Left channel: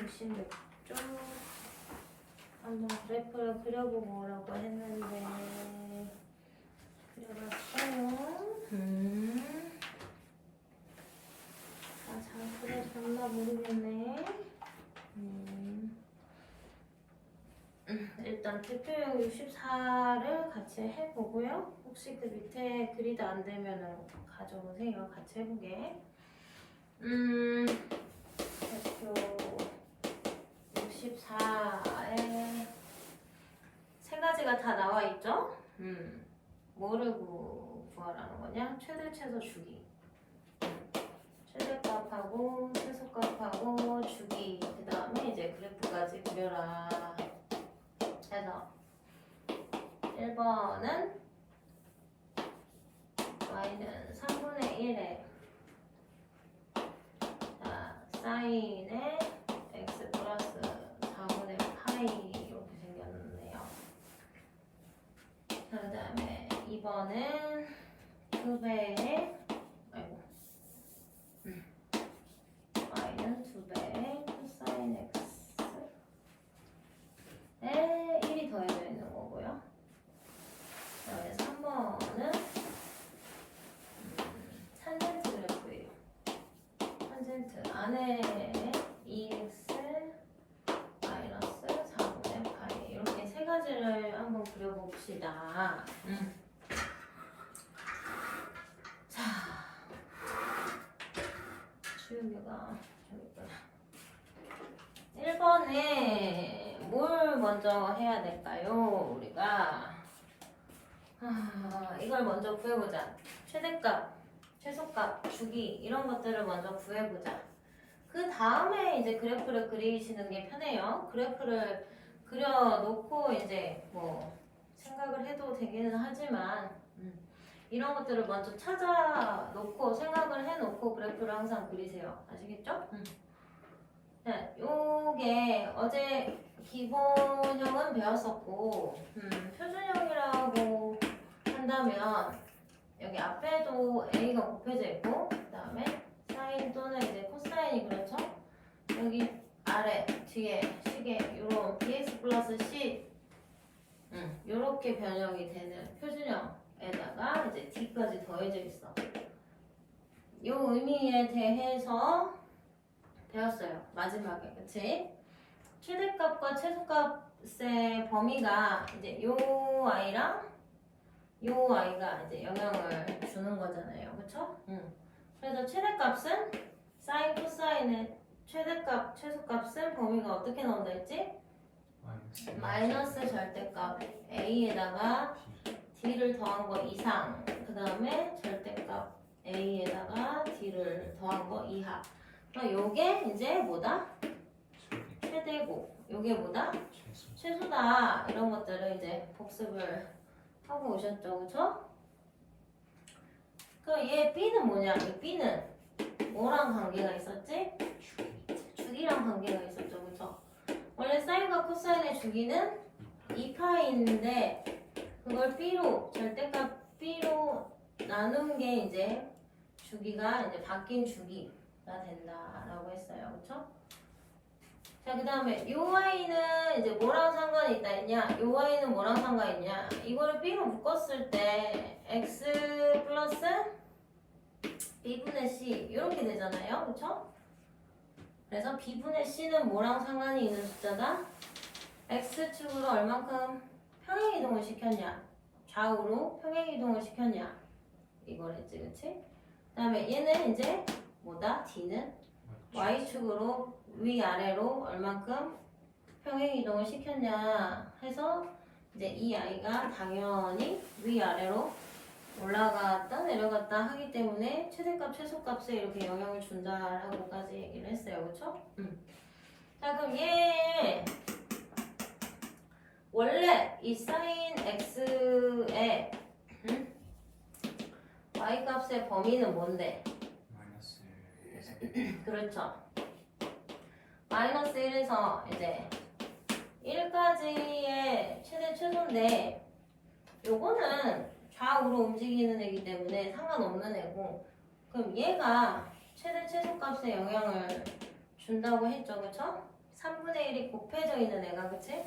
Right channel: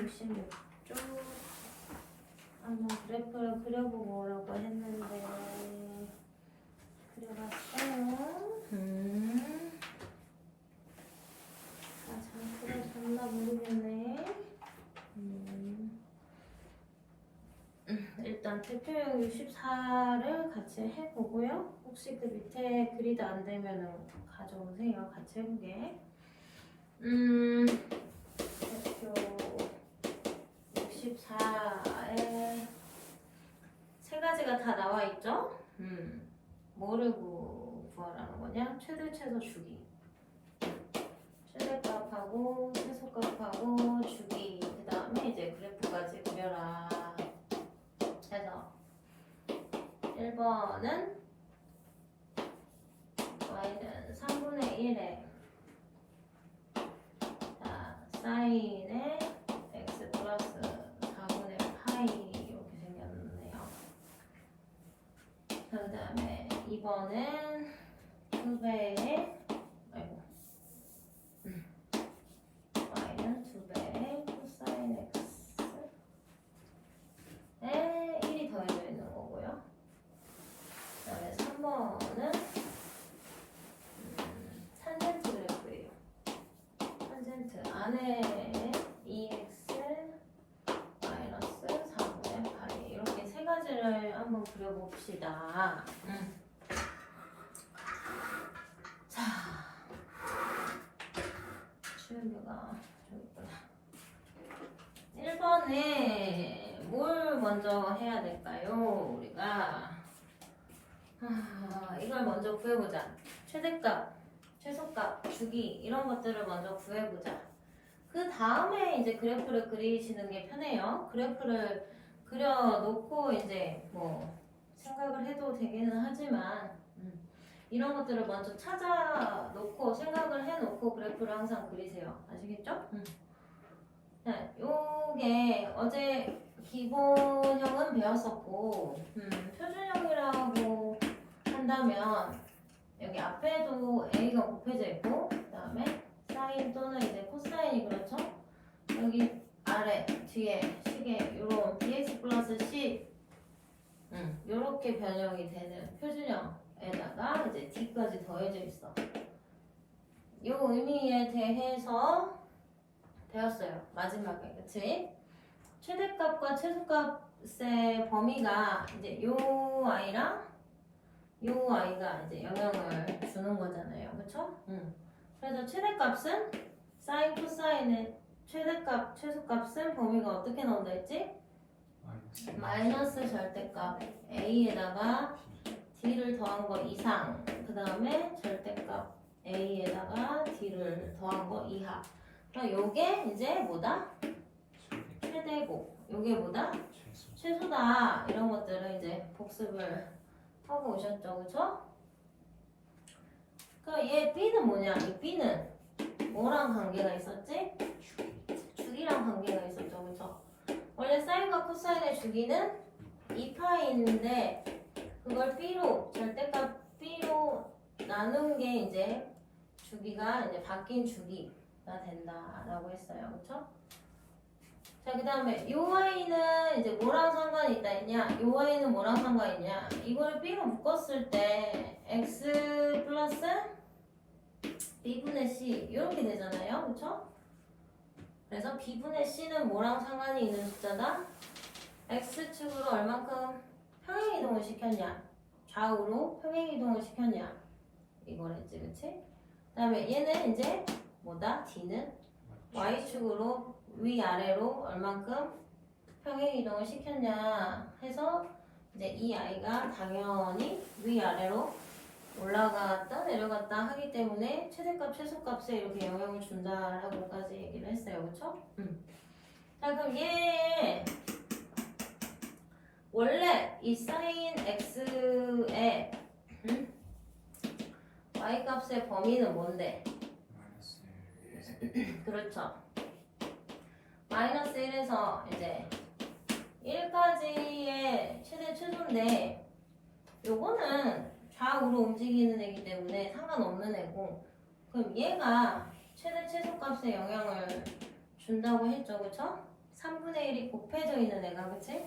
66쪽 한번 그래프를 그려보고 오라고 했는데 그려봤어요. 잘 그려졌나 모르겠네. 일단 대표형 64를 같이 해보고요. 혹시 그 밑에 그리드 안 되면 가져오세요. 같이 해보게. 대표 64에 세 가지가 다 나와 있죠? 뭐를 구하라는 거냐? 최대, 최소, 주기. 최대값하고 최소값하고 주기. 그 다음에 이제 그래프까지 그려라. 해서 1번은 y는 3분의 1에 자, 사인에 x 플러스 4분의 파이 이렇게 생겼네요. 자, 그 다음에 2번은 2배의 y는 2배의 코사인 x에 1이 더해져 있는 거고요. 그 다음에 3번은 탄젠트 그래프예요. 탄젠트 안에 2x 마이너스 4분의 파이 이렇게 세 가지를 한번 그려봅시다. 자, 주연이가 좀 있구나. 1번에 뭘 먼저 해야 될까요? 우리가 이걸 먼저 구해보자. 최대값, 최소값, 주기 이런 것들을 먼저 구해보자. 그 다음에 이제 그래프를 그리시는 게 편해요. 그래프를 그려놓고 이제 뭐 생각을 해도 되기는 하지만 이런 것들을 먼저 찾아놓고 생각을 해놓고 그래프를 항상 그리세요. 아시겠죠? 네, 요게 어제 기본형은 배웠었고 표준형이라고 한다면 여기 앞에도 A가 곱해져 있고 그 다음에 사인 또는 이제 코사인이 그렇죠? 여기 아래 뒤에 식에 요런 bx 플러스 c 요렇게 변형이 되는 표준형에다가 이제 d까지 더해져 있어. 요 의미에 대해서 배웠어요. 마지막에 그치? 최대값과 최소값의 범위가 이제 요 아이랑 요 아이가 이제 영향을 주는 거잖아요. 그쵸? 그래서 최대값은 사인 코사인의 최대값 최소값은 범위가 어떻게 나온다 했지? 마이너스 절대값 a에다가 d를 더한 거 이상 그 다음에 절대값 a에다가 d를 더한 거 이하. 그럼 요게 이제 뭐다? 최대고 요게 뭐다? 최소다. 이런 것들을 이제 복습을 하고 오셨죠. 그쵸? 그럼 얘 B는 뭐냐? 이 B는 뭐랑 관계가 있었지? 주기랑 관계가 있었죠. 그쵸? 원래 사인과 코사인의 주기는 2파이인데 그걸 B로 절대값 B로 나눈 게 이제 주기가 이제 바뀐 주기가 된다라고 했어요. 그쵸? 자, 그 다음에 요 y는 이제 뭐랑 상관이 있다 했냐? 요 y는 뭐랑 상관이 있냐? 이거를 b로 묶었을 때 x 플러스 b분의 c 이렇게 되잖아요. 그쵸? 그래서 b분의 c는 뭐랑 상관이 있는 숫자다? x축으로 얼만큼 평행이동을 시켰냐? 좌우로 평행이동을 시켰냐? 이거랬지, 그치? 그 다음에 얘는 이제 뭐다? d는 y축으로 위아래로 얼만큼 평행이동을 시켰냐 해서 이제 이 아이가 당연히 위아래로 올라갔다 내려갔다 하기 때문에 최대값 최소값에 이렇게 영향을 준다라고까지 얘기를 했어요. 그쵸? 자, 그럼 얘 원래 이 사인 x의 y값의 범위는 뭔데? 그렇죠. 마이너스 1에서 이제 1까지의 최대 최소인데 요거는 좌우로 움직이는 애기 때문에 상관없는 애고 그럼 얘가 최대 최소값에 영향을 준다고 했죠. 그쵸? 3분의 1이 곱해져 있는 애가, 그치?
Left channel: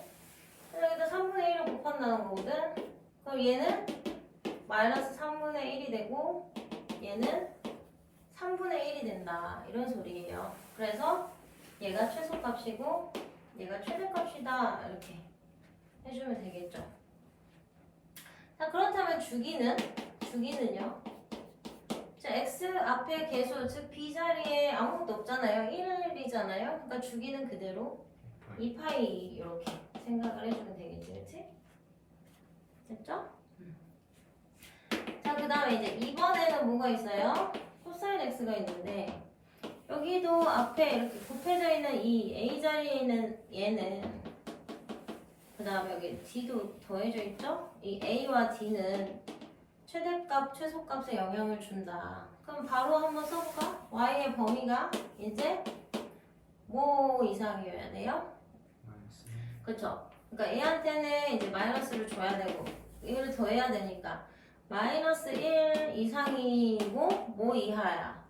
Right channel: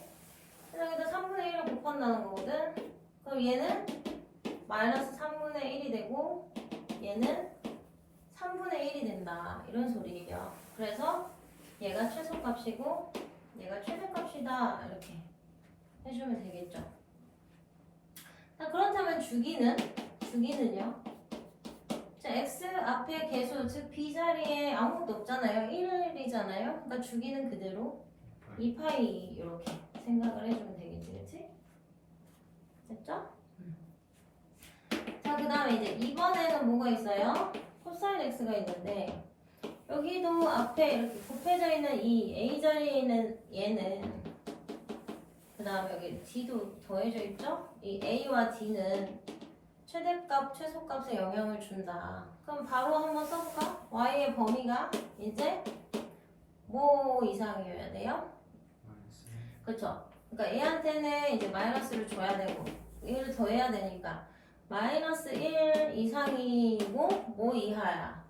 여기다 3분의 1을 곱한다는 거거든? 그럼 얘는 마이너스 3분의 1이 되고 얘는 3분의 1이 된다. 이런 소리예요. 그래서 얘가 최소값이고 얘가 최대값이다. 이렇게 해주면 되겠죠. 자, 그렇다면 주기는요? 자, x 앞에 계수, 즉 b자리에 아무것도 없잖아요. 1이잖아요. 그러니까 주기는 그대로 2파이 이렇게 생각을 해주면 되겠지, 그치? 됐죠? 자, 그 다음에 이제 이번에는 뭐가 있어요? 코사인 x가 있는데 여기도 앞에 이렇게 곱해져 있는 이 a 자리에 있는 얘는 그 다음에 여기 d도 더해져 있죠? 이 a와 d는 최대값, 최소값에 영향을 준다. 그럼 바로 한번 써볼까? y의 범위가 이제 뭐 이상이어야 돼요? 그쵸? 그러니까 얘한테는 이제 마이너스를 줘야 되고 이거를 더해야 되니까 마이너스 1 이상이고 뭐 이하야?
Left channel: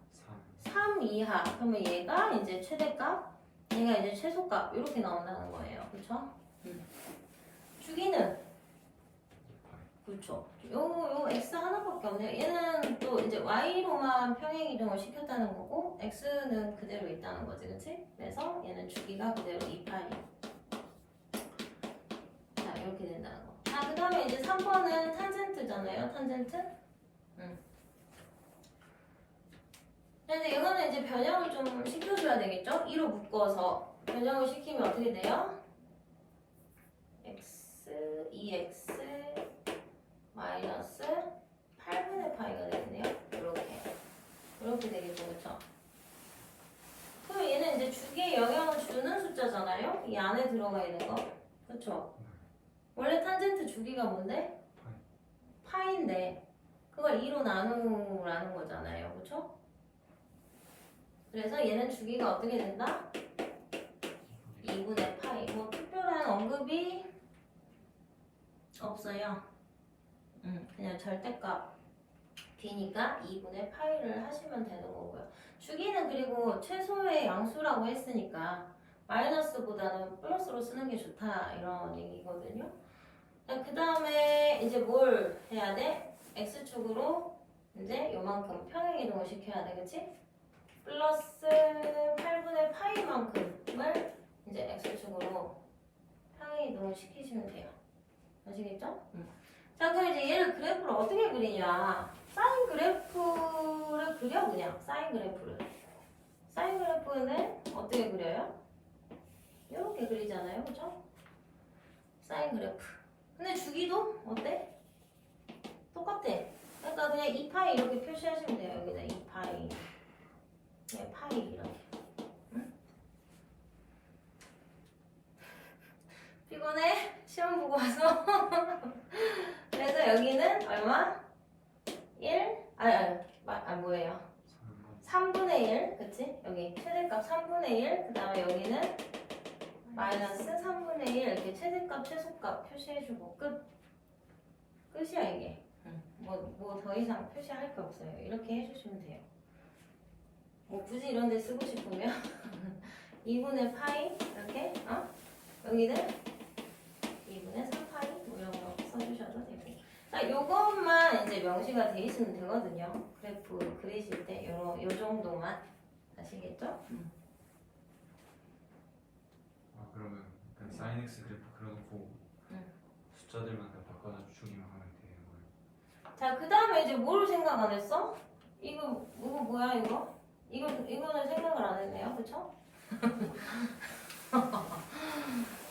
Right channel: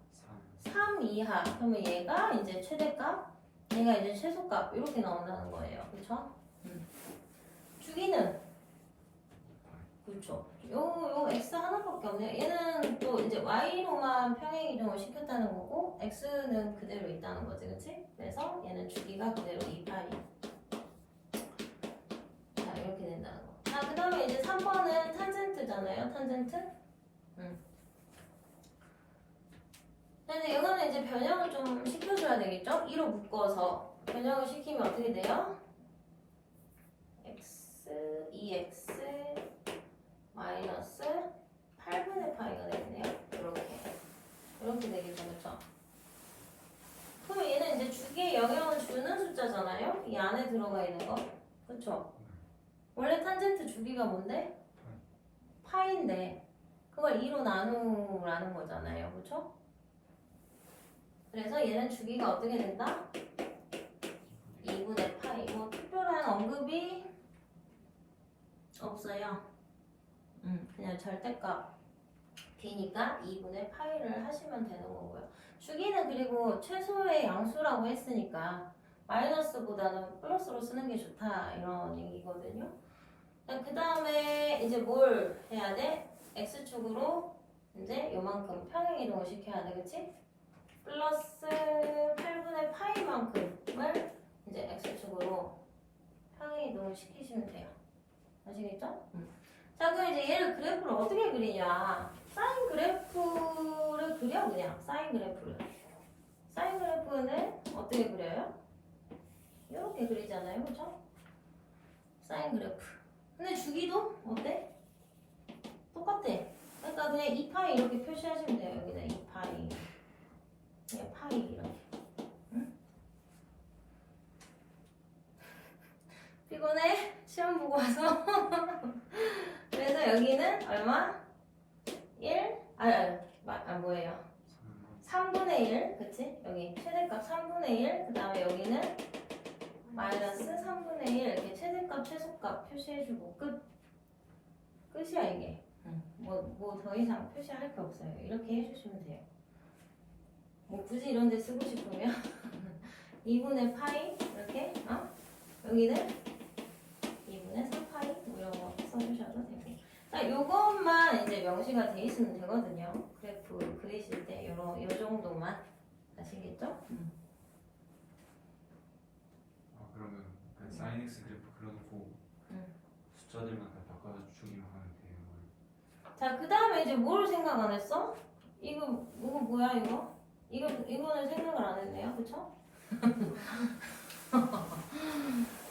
3 이하. 그러면 얘가 이제 최대값, 얘가 이제 최소값 이렇게 나온다는 거예요. 그쵸? 주기는? 그쵸? 요 x 하나밖에 없네요. 얘는 또 이제 y로만 평행 이동을 시켰다는 거고 x는 그대로 있다는 거지, 그치? 그래서 얘는 주기가 그대로 2파이. 자, 이렇게 된다는 거. 자, 그 다음에 이제 3번은 탄젠트잖아요. 탄젠트? 근데 이거는 이제 변형을 좀 시켜줘야 되겠죠? 2로 묶어서 변형을 시키면 어떻게 돼요? x, 2x 마이너스 8분의 파이가 되겠네요. 이렇게 되겠죠, 그쵸? 그럼 얘는 이제 주기에 영향을 주는 숫자잖아요? 이 안에 들어가 있는 거, 그쵸? 원래 탄젠트 주기가 뭔데? 파인데 그걸 2로 나누라는 거잖아요, 그쵸? 그래서 얘는 주기가 어떻게 된다? 2분의 파이. 뭐 특별한 언급이 없어요. 그냥 절대값 b니까 2분의 파이를 하시면 되는 거고요. 주기는 그리고 최소의 양수라고 했으니까 마이너스보다는 플러스로 쓰는 게 좋다 이런 얘기거든요. 그 다음에 이제 뭘 해야 돼? x축으로 이제 요만큼 평행 이동을 시켜야 돼, 그치? 플러스 8분의 파이만큼을 이제 x축으로 평행 이동을 시키시면 돼요. 아시겠죠? 자, 그럼 이제 얘를 그래프를 어떻게 그리냐? 사인 그래프를 그려, 그냥. 사인 그래프를. 사인 그래프는 어떻게 그려요? 이렇게 그리잖아요, 그죠? 사인 그래프. 근데 주기도 어때? 똑같아. 그러니까 그냥 2파이 이렇게 표시하시면 돼요. 여기는 2파이. 그냥 파이 이렇게. 응? 피곤해? 시험 보고 와서? 그래서 여기는 얼마? 1? 뭐예요? 3분의 1, 그치? 여기 최대값 3분의 1, 그 다음에 여기는 마이너스 3분의 1 이렇게 최대값, 최소값 표시해주고 끝이야 이게. 뭐 더 이상 표시할 게 없어요. 이렇게 해주시면 돼요. 뭐 굳이 이런 데 쓰고 싶으면 2분의 파이 이렇게 여기는 2분의 3파이 뭐 이런 거 써주셔도 되고. 자, 요것만 이제 명시가 돼 있으면 되거든요. 그래프 그리실 때 요 정도만 아시겠죠? 그러면 그냥 사인 x 그래프 그려놓고 숫자들만 다 바꿔서 주기만 하면 되는 거예요? 자, 그 다음에 이제 뭘 생각 안 했어? 이거 뭐야 이거? 이거는 생각을 안 했네요, 그쵸?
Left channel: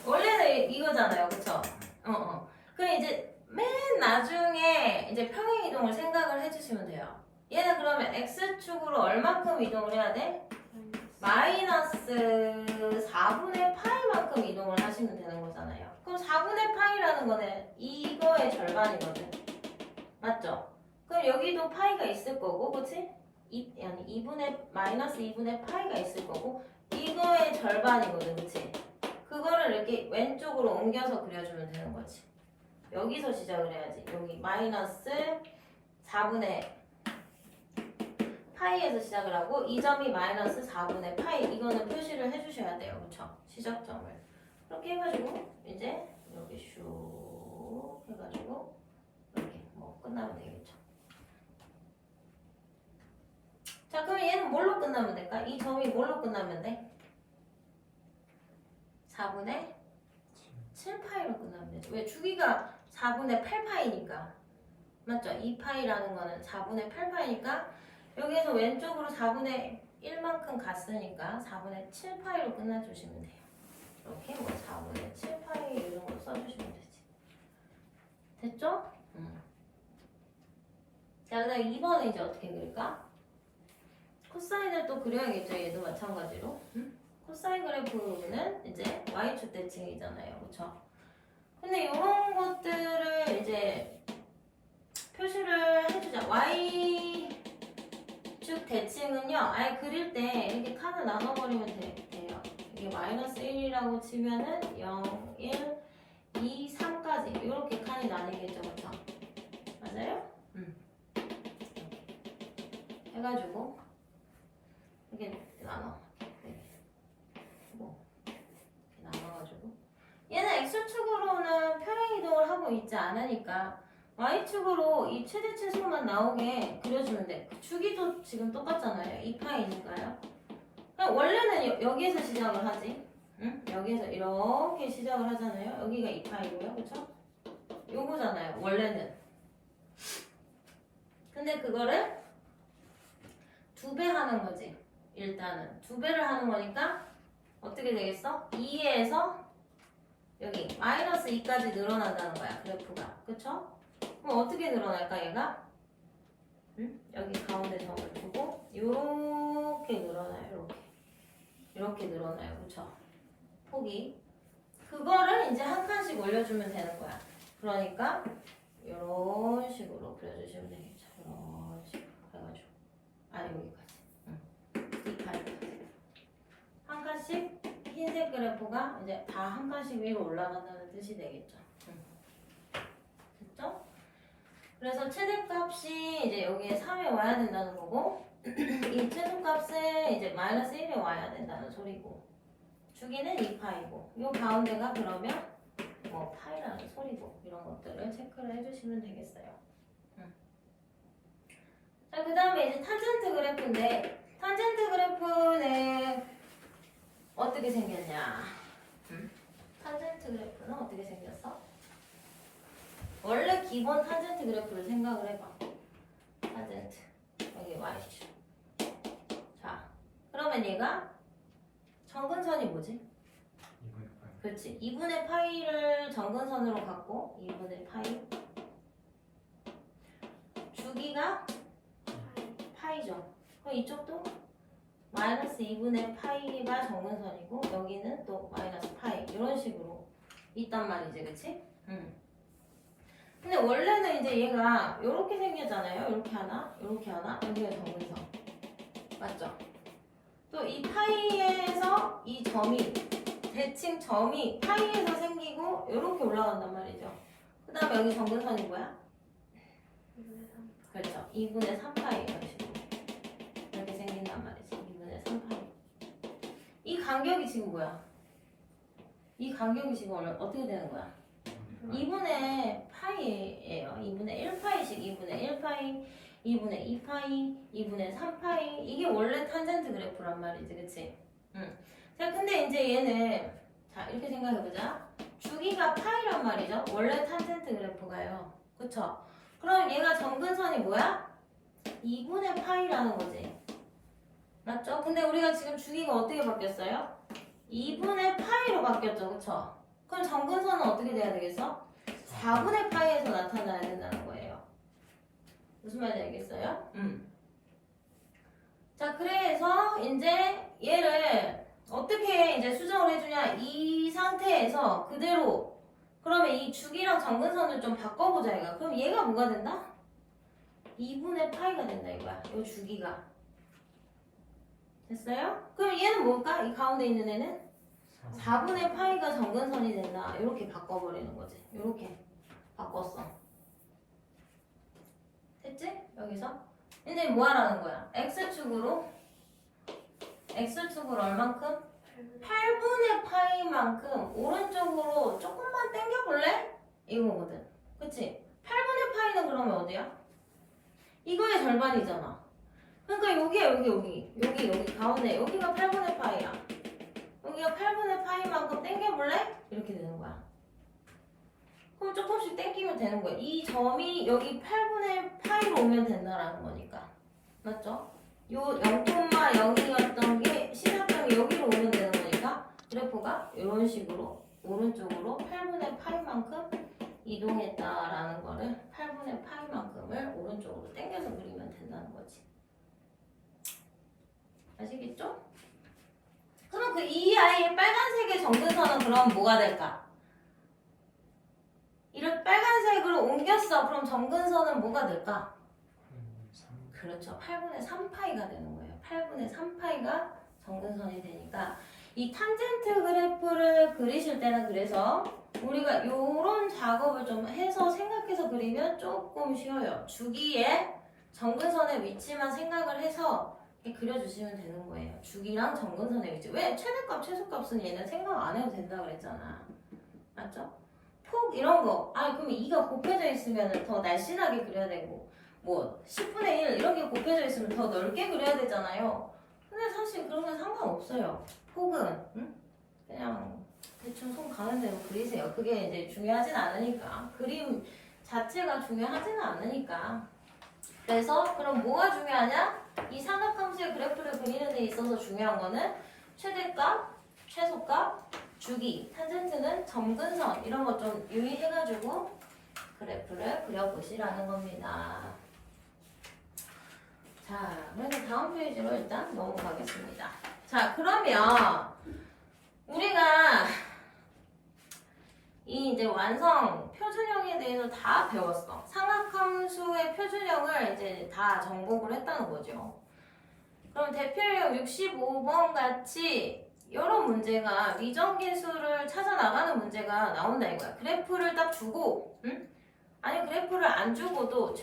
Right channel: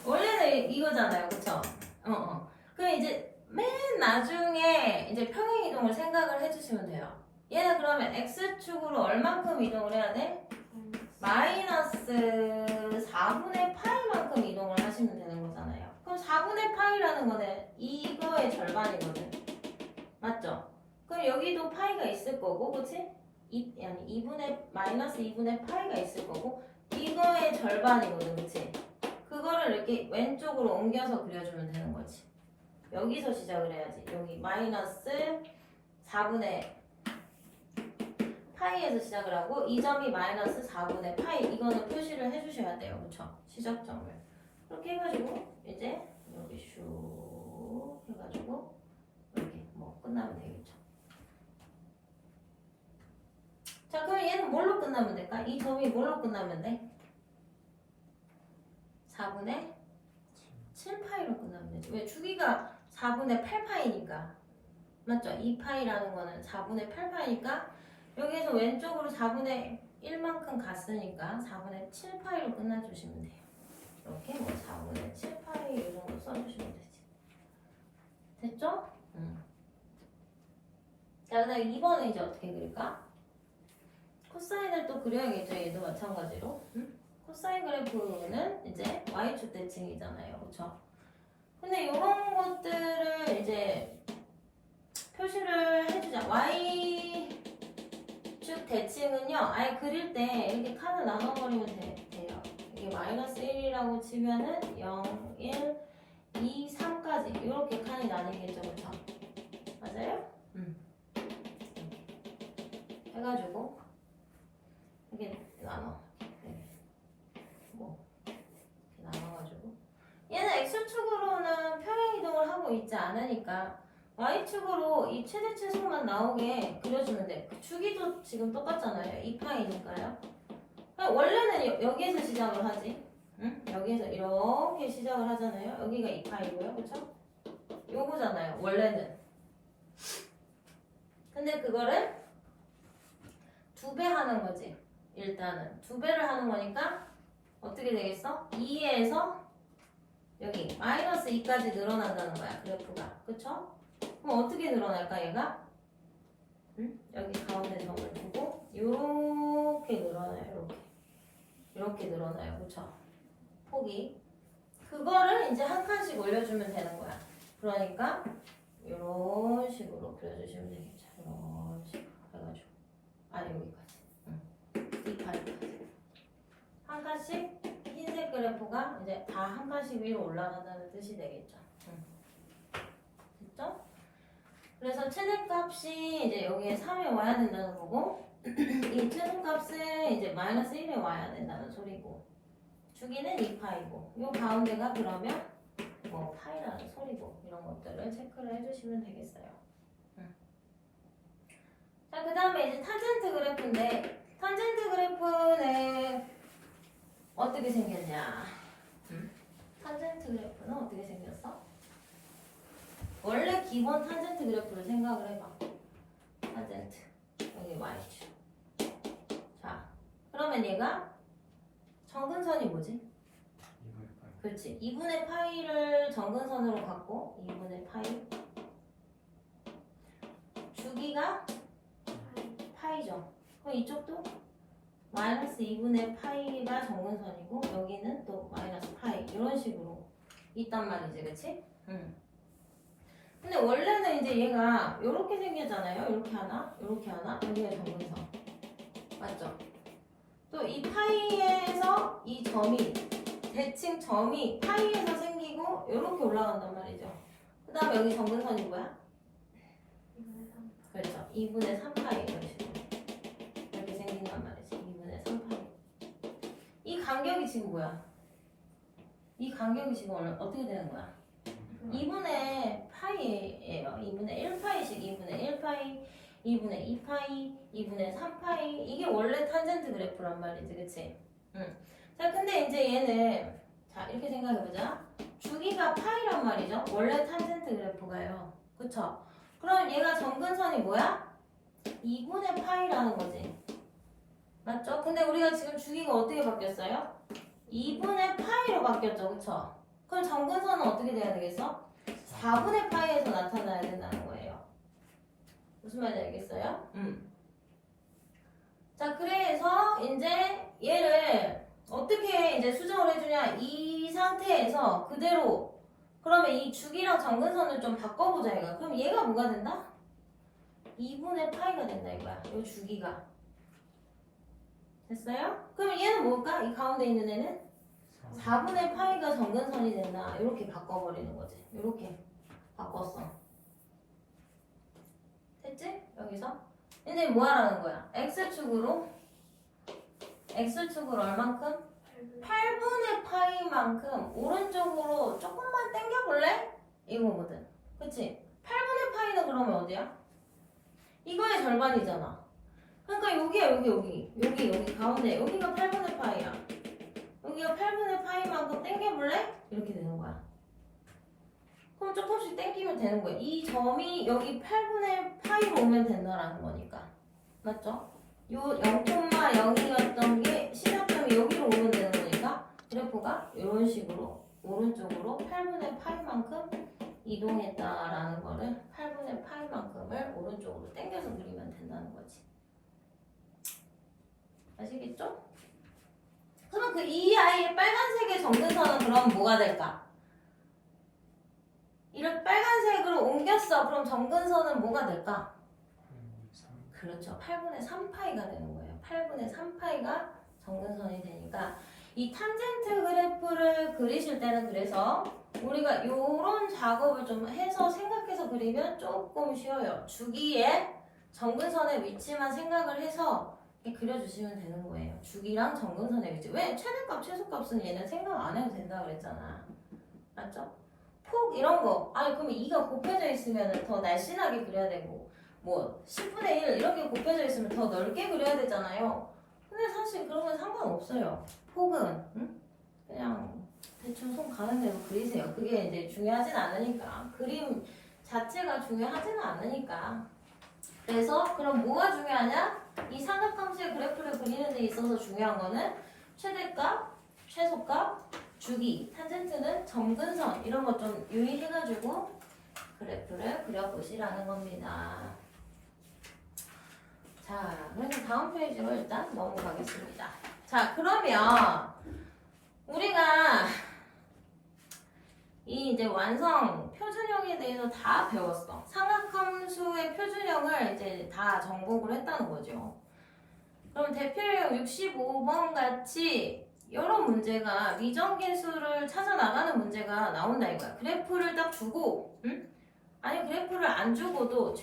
원래는 이거잖아요, 그쵸? 그럼 이제 맨 나중에 이제 평행 이동을 생각을 해주시면 돼요. 얘는 그러면 x축으로 얼만큼 이동을 해야 돼? 마이너스 4분의 파이만큼 이동을 하시면 되는 거잖아요. 그럼 4분의 파이라는 거는 이거의 절반이거든. 맞죠? 그럼 여기도 파이가 있을 거고, 그치? 마이너스 2분의 파이가 있을 거고, 이거의 절반이거든, 그치? 그거를 이렇게 왼쪽으로 옮겨서 그려주면 되는 거지. 여기서 시작을 해야지. 여기 마이너스 4분의 파이에서 시작을 하고 이 점이 마이너스 4분의 파이 이거는 표시를 해주셔야 돼요. 그쵸? 시작점을 그렇게 해가지고 이제 여기 슉 해가지고 이렇게 뭐 끝나면 되겠죠. 자 그럼 얘는 뭘로 끝나면 될까? 이 점이 뭘로 끝나면 돼? 4분의 7파이로 끝나면 되죠. 왜? 주기가 4분의 8파이니까 맞죠? 2파이라는 거는 4분의 8파이니까 여기에서 왼쪽으로 4분의 1만큼 갔으니까 4분의 7파이로 끝내주시면 돼요. 이렇게 뭐 4분의 7파이 이 정도 써주시면 되지. 됐죠? 자, 그 다음에 2번은 이제 어떻게 그릴까? 코사인을 또 그려야겠죠. 얘도 마찬가지로. 코사인 그래프는 이제 y축 대칭이잖아요. 그쵸? 근데 이런 것들을 이제 표시를 해주자. y축 대칭은요. 아예 그릴 때 이렇게 칸을 나눠버리면 돼요. 이게 마이너스 1이라고 치면은 0, 1, 2, 3까지 이렇게 칸이 나뉘겠죠. 그쵸? 맞아요? 해가지고 이렇게 나눠. 뭐 이렇게 나눠가지고 얘는 x축으로는 평행 이동을 하고 있지 않으니까 y축으로 이 최대 최소만 나오게 그려주면 돼. 주기도 지금 똑같잖아요. 2파이니까요. 원래는 여기에서 시작을 하지. 응? 여기에서 이렇게 시작을 하잖아요. 여기가 2파이고요. 그쵸? 요거잖아요. 원래는. 근데 그거를 2배 하는 거지. 일단은 2배를 하는 거니까 어떻게 되겠어? 2에서 여기 마이너스 2까지 늘어난다는 거야. 그래프가. 그쵸? 그럼 어떻게 늘어날까 얘가? 응? 여기 가운데 점을 두고 요렇게 늘어나요. 이렇게 늘어나요. 그쵸? 폭이. 그거를 이제 한 칸씩 올려주면 되는 거야. 그러니까 이런 식으로 그려주시면 되겠죠. 이런 식으로 해가지고 여기까지. 2파이까지. 한 칸씩 흰색 그래프가 이제 다 한 칸씩 위로 올라간다는 뜻이 되겠죠. 됐죠? 그래서 최대값이 이제 여기에 3이 와야 된다는 거고 이 최소값은 이제 마이너스 1이 와야 된다는 소리고 주기는 2파이고 요 가운데가 그러면 뭐 파이라는 소리고 이런 것들을 체크를 해주시면 되겠어요. 자, 그 다음에 이제 탄젠트 그래프인데 탄젠트 그래프는 어떻게 생겼냐? 탄젠트 그래프는 어떻게 생겼어? 원래 기본 탄젠트 그래프를 생각을 해봐. 탄젠트 여기 y축. 자, 그러면 얘가 정근선이 뭐지? 2분의 파이. 그렇지. 2분의 파이를 정근선으로 갖고 2분의 파이 주기가 파이죠. 그럼 이쪽도 마이너스 2분의 파이가 정근선이고 여기는 또 마이너스 파이 이런 식으로 있단 말이지. 그치? 근데 원래는 이제 얘가 이렇게 생겼잖아요. 이렇게 하나, 이렇게 하나, 여기가 정근선. 맞죠? 또 이 파이에서 이 점이 대칭 점이 파이에서 생기고 이렇게 올라간단 말이죠. 그 다음에 여기 정근선이 뭐야? 그렇죠. 2분의 3파이 이런 식으로 이렇게 생긴단 말이지. 2분의 3파이. 이 간격이 지금 뭐야? 이 간격이 지금 어떻게 되는 거야? 2분의 파이예요. 2분의 1파이씩 2분의 1파이, 2분의 2파이, 2분의 3파이 이게 원래 탄젠트 그래프란 말이지. 그치? 자, 근데 이제 얘는 자 이렇게 생각해보자. 주기가 파이란 말이죠. 원래 탄젠트 그래프가요. 그쵸? 그럼 얘가 정근선이 뭐야? 2분의 파이라는 거지. 맞죠? 근데 우리가 지금 주기가 어떻게 바뀌었어요? 2분의 파이로 바뀌었죠. 그쵸? 그럼 정근선은 어떻게 돼야 되겠어? 4분의 파이에서 나타나야 된다는 거예요. 무슨 말인지 알겠어요? 자, 그래서 이제 얘를 어떻게 이제 수정을 해주냐? 이 상태에서 그대로 그러면 이 주기랑 정근선을 좀 바꿔보자 얘가. 그럼 얘가 뭐가 된다? 2분의 파이가 된다 이거야. 이 주기가. 됐어요? 그럼 얘는 뭘까? 이 가운데 있는 애는 4분의 파이가 정근선이 된다. 이렇게 바꿔버리는 거지. 이렇게 바꿨어. 됐지? 여기서 이제 뭐 하라는 거야? x축으로 얼만큼? 8분의 파이만큼 오른쪽으로 조금만 당겨볼래? 이거거든. 그치? 8분의 파이는 그러면 어디야? 이거의 절반이잖아. 그러니까 여기야 여기 가운데 여기가 8분의 파이야. 여기가 8분의 파이만큼 당겨볼래? 이렇게 되는 거야. 그럼 조금씩 당기면 되는 거야. 이 점이 여기 8분의 파이로 오면 된다라는 거니까. 맞죠? 요 0,0이었던 게 시작점이 여기로 오면 되는 거니까 그래프가 이런 식으로 오른쪽으로 8분의 파이만큼 이동했다라는 거를 8분의 파이만큼을 오른쪽으로 당겨서 그리면 된다는 거지. 아시겠죠? 그럼 그 EI의 빨간색의 정근선은 그럼 뭐가 될까? 이렇게 빨간색으로 옮겼어. 그럼 정근선은 뭐가 될까? 그렇죠. 8분의 3파이가 되는 거예요. 8분의 3파이가 정근선이 되니까 이 탄젠트 그래프를 그리실 때는 그래서 우리가 이런 작업을 좀 해서 생각해서 그리면 조금 쉬워요. 주기에 정근선의 위치만 생각을 해서 이렇게 그려주시면 되는 거예요. 주기랑 정근선의 위치. 왜? 최대값, 최소값은 얘는 생각 안 해도 된다 그랬잖아. 맞죠? 폭 이런 거. 아니 그럼 2가 곱해져 있으면 더 날씬하게 그려야 되고 뭐 10분의 1 이렇게 곱해져 있으면 더 넓게 그려야 되잖아요. 근데 사실 그런 건 상관없어요. 폭은 그냥 대충 손 가는 대로 그리세요. 그게 이제 중요하진 않으니까. 그림 자체가 중요하지는 않으니까. 그래서 그럼 뭐가 중요하냐? 이 삼각함수의 그래프를 그리는 데 있어서 중요한 거는 최대값, 최소값, 주기, 탄젠트는 점근선 이런 거 좀 유의해가지고 그래프를 그려보시라는 겁니다. 자, 그래서 다음 페이지로 일단 넘어가겠습니다. 자, 그러면 우리가 이 이제 완성 표준형에 대해서 다 배웠어. 삼각함수의 표준형을 이제 다 정복을 했다는 거죠. 그럼 대표형 65번 같이 이런 문제가 미정계수를 찾아 나가는 문제가 나온다 이거야. 그래프를 딱 주고, 아니 그래프를 안 주고도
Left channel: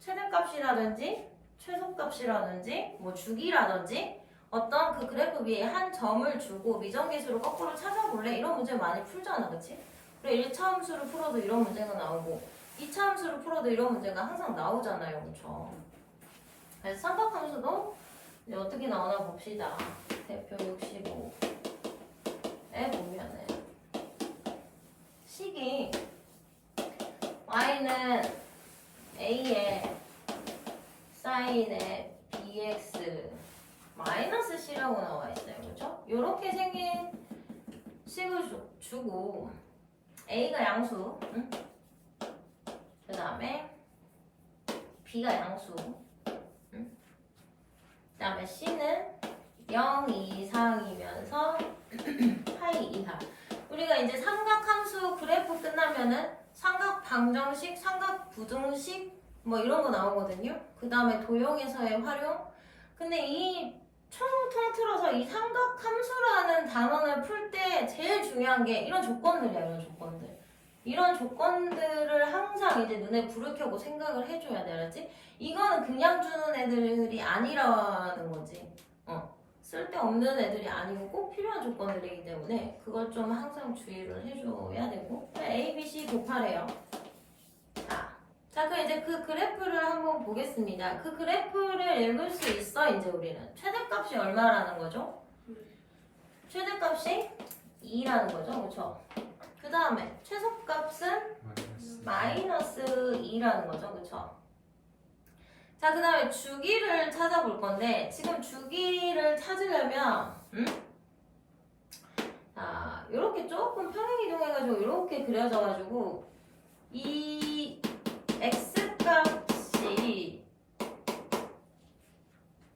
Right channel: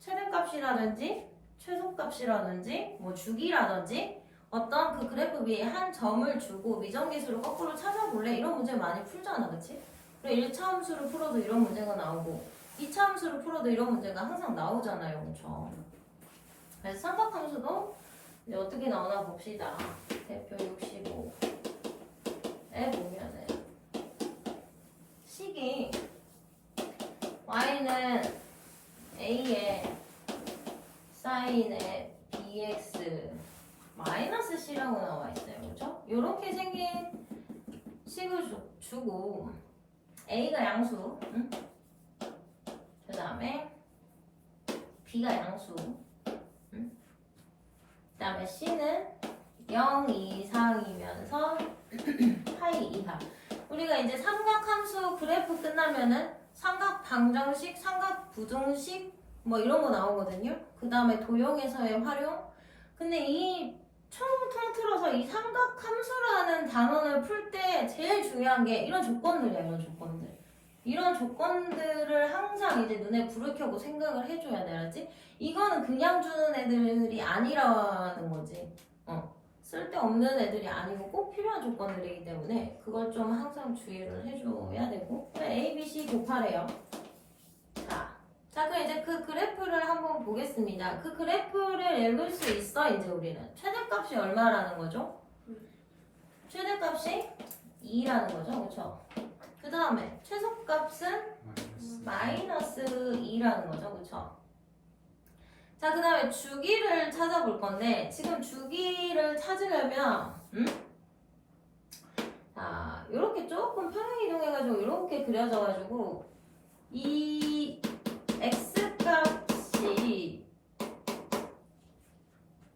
최대값이라든지 최소값이라든지 뭐 주기라든지 어떤 그 그래프 위에 한 점을 주고 미정계수를 거꾸로 찾아볼래? 이런 문제 많이 풀잖아, 그치? 그리고 1차 함수를 풀어도 이런 문제가 나오고 2차 함수를 풀어도 이런 문제가 항상 나오잖아요, 그쵸? 그래서 삼각함수도 이제 어떻게 나오나 봅시다. 대표 65에 보면은 식이 y는 a에 사인에 bx 마이너스 c라고 나와 있어요, 그렇죠? 이렇게 생긴 식을 주고 a가 양수, 그 다음에 b가 양수, 그 다음에 c는 0 이상이면서 파이 이하. 우리가 이제 삼각함수 그래프 끝나면은 삼각 방정식, 삼각 부등식 뭐 이런 거 나오거든요. 그 다음에 도형에서의 활용. 근데 이 통틀어서 이 삼각함수라는 단원을 풀 때 제일 중요한 게 이런 조건들이야, 이런 조건들. 이런 조건들을 항상 이제 눈에 불을 켜고 생각을 해줘야 돼, 알았지? 이거는 그냥 주는 애들이 아니라는 거지. 쓸데없는 애들이 아니고 꼭 필요한 조건들이기 때문에 그걸 좀 항상 주의를 해줘야 되고. A, B, C 곱하래요. 자, 그럼 이제 그 그래프를 한번 보겠습니다. 그 그래프를 읽을 수 있어, 이제 우리는. 최대값이 얼마라는 거죠? 최대값이 2라는 거죠, 그쵸? 그 다음에 최소값은 마이너스 2라는 거죠, 그쵸? 자, 그 다음에 주기를 찾아볼 건데, 지금 주기를 찾으려면, 자, 요렇게 조금 평행 이동해가지고, 요렇게 그려져가지고, 이 x값이,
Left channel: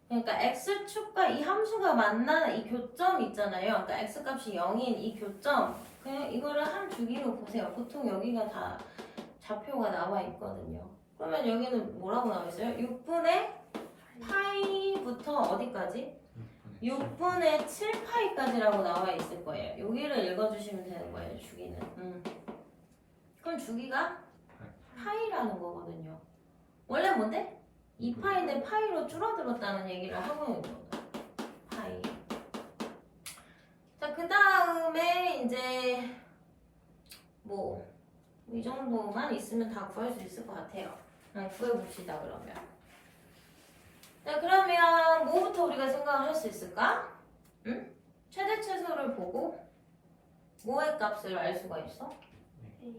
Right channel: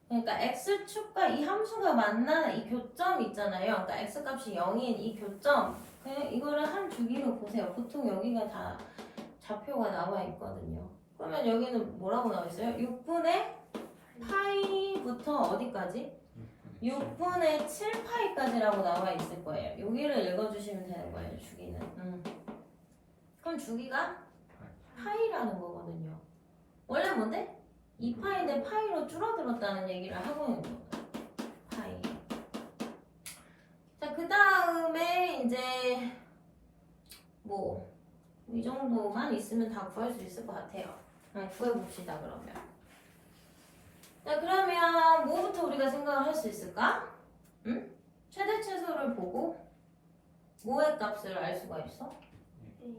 그러니까 x축과 이 함수가 만나는 이 교점 있잖아요. 그러니까 x값이 0인 이 교점, 그냥 이거를 한 주기로 보세요. 보통 여기가 다 좌표가 나와 있거든요. 그러면 여기는 뭐라고 나와 있어요? 6분의 파이부터 어디까지? 6분의 7파이까지라고 나와 있을 거예요. 여기를 읽어주시면 되는 거예요, 주기는. 그럼 주기가 파이라는 거거든요. 원래 뭔데? 2파인데 파이로 줄어들었다는 얘기를 하고 있는 거다. 파이. 자, 그 다음에 이제 뭐 이 정도만 있으면 다 구할 수 있을 것 같아요. 구해봅시다 그러면. 자, 그러면 뭐부터 우리가 생각을 할 수 있을까? 응? 최대 최소를 보고 뭐의 값을 알 수가 있어?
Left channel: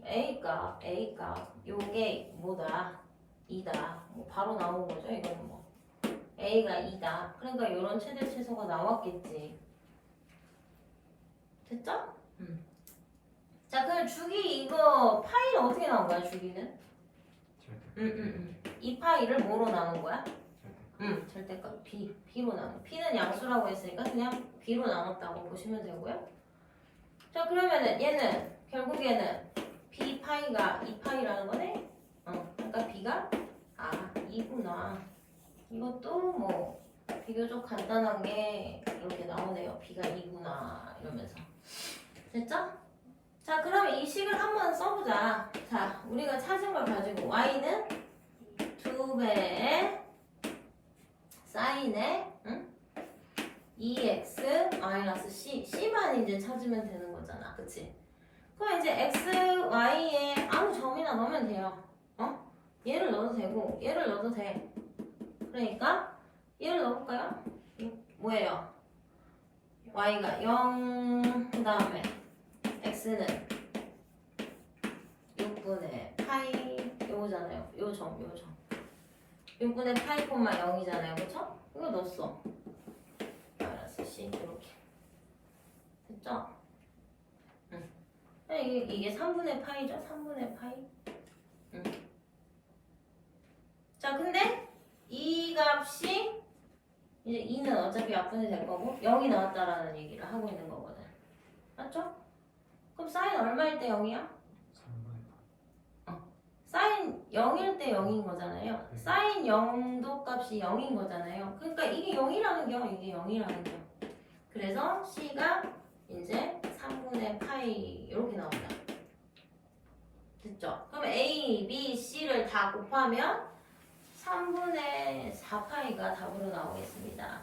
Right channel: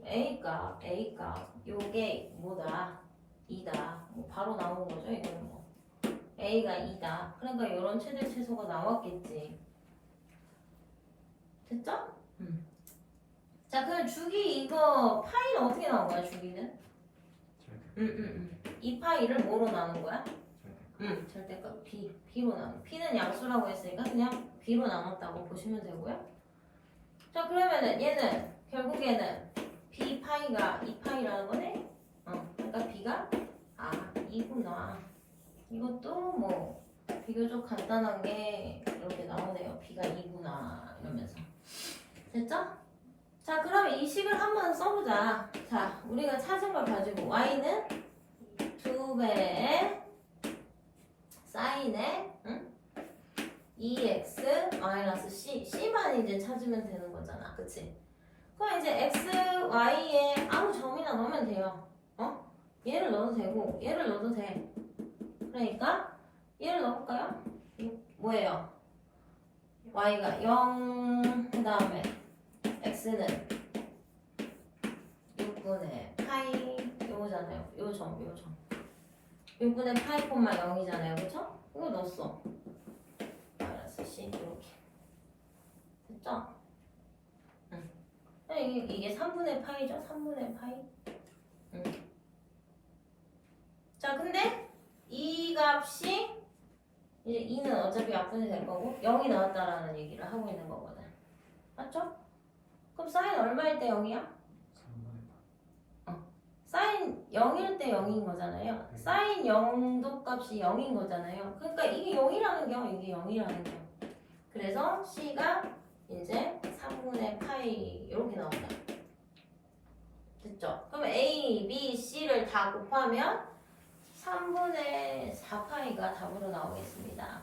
A값, 요게 뭐다? 2다. 뭐 바로 나오는 거죠, 이거는 뭐. A가 2다. 그러니까 이런 최대 최소가 나왔겠지. 됐죠? 자, 그럼 주기 이거 파이는 어떻게 나온 거야, 주기는? 2파이를 뭐로 나눈 거야? 절대값 B로 나눠. P는 양수라고 했으니까 그냥 B로 나눴다고 보시면 되고요. 자, 그러면은 얘는 결국에는 B파이가 2파이라는 거네? 그러니까 B가 2구나. 이것도 뭐 비교적 간단하게 이렇게 나오네요. B가 2구나 이러면서. 됐죠? 자, 그럼 이 식을 한번 써보자. 자, 우리가 찾은 걸 가지고 Y는 2배의 사인의 2x-c c만 이제 찾으면 되는 거잖아, 그치? 그럼 이제 x, y에 아무 점이나 넣으면 돼요. 얘를 넣어도 되고 얘를 넣어도 돼. 그러니까 얘를 넣어볼까요? 뭐예요? y가 0, 그 다음에 x는 6분의 파이 요거잖아요. 요 점. 6분의 파이 콤마 0이잖아요. 그쵸? 이거 넣었어. 마이너스 C 이렇게. 됐죠? 이게 3분의 파이죠? 3분의 파이. 자, 근데 이 값이 이제 2는 어차피 약분이 될 거고 0이 나왔다라는 얘기를 하고 있는 거거든. 맞죠? 그럼 사인 얼마일 때 0이야? 사인 0일 때 0인 거잖아요. 사인 0도 값이 0인 거잖아요. 그러니까 이게 0이라는 경, 이게 0이라는 경. 그래서 C가 이제 3분의 파이 이렇게 나온다. 됐죠? 그럼 A, B, C를 다 곱하면 3분의 4파이가 답으로 나오겠습니다.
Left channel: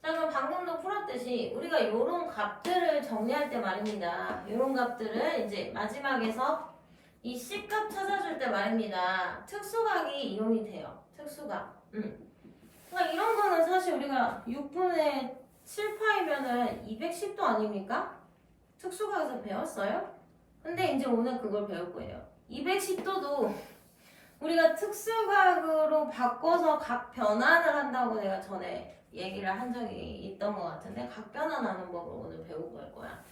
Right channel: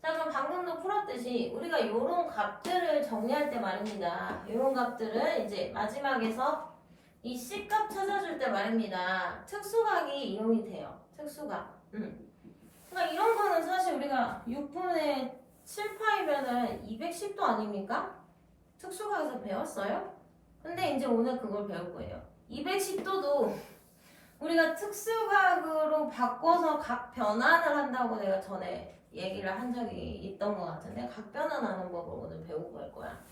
자, 그럼 방금도 풀었듯이 우리가 이런 값들을 정리할 때 말입니다. 이런 값들을 이제 마지막에서 이 C값 찾아줄 때 말입니다. 특수각이 이용이 돼요. 특수각. 그러니까 이런 거는 사실 우리가 6분의 7파이면은 210도 아닙니까? 특수각에서 배웠어요? 근데 이제 오늘 그걸 배울 거예요. 210도도 우리가 특수각으로 바꿔서 각 변환을 한다고 내가 전에 얘기를 한 적이 있던 것 같은데 각 변환하는 법을 오늘 배우고 갈 거야.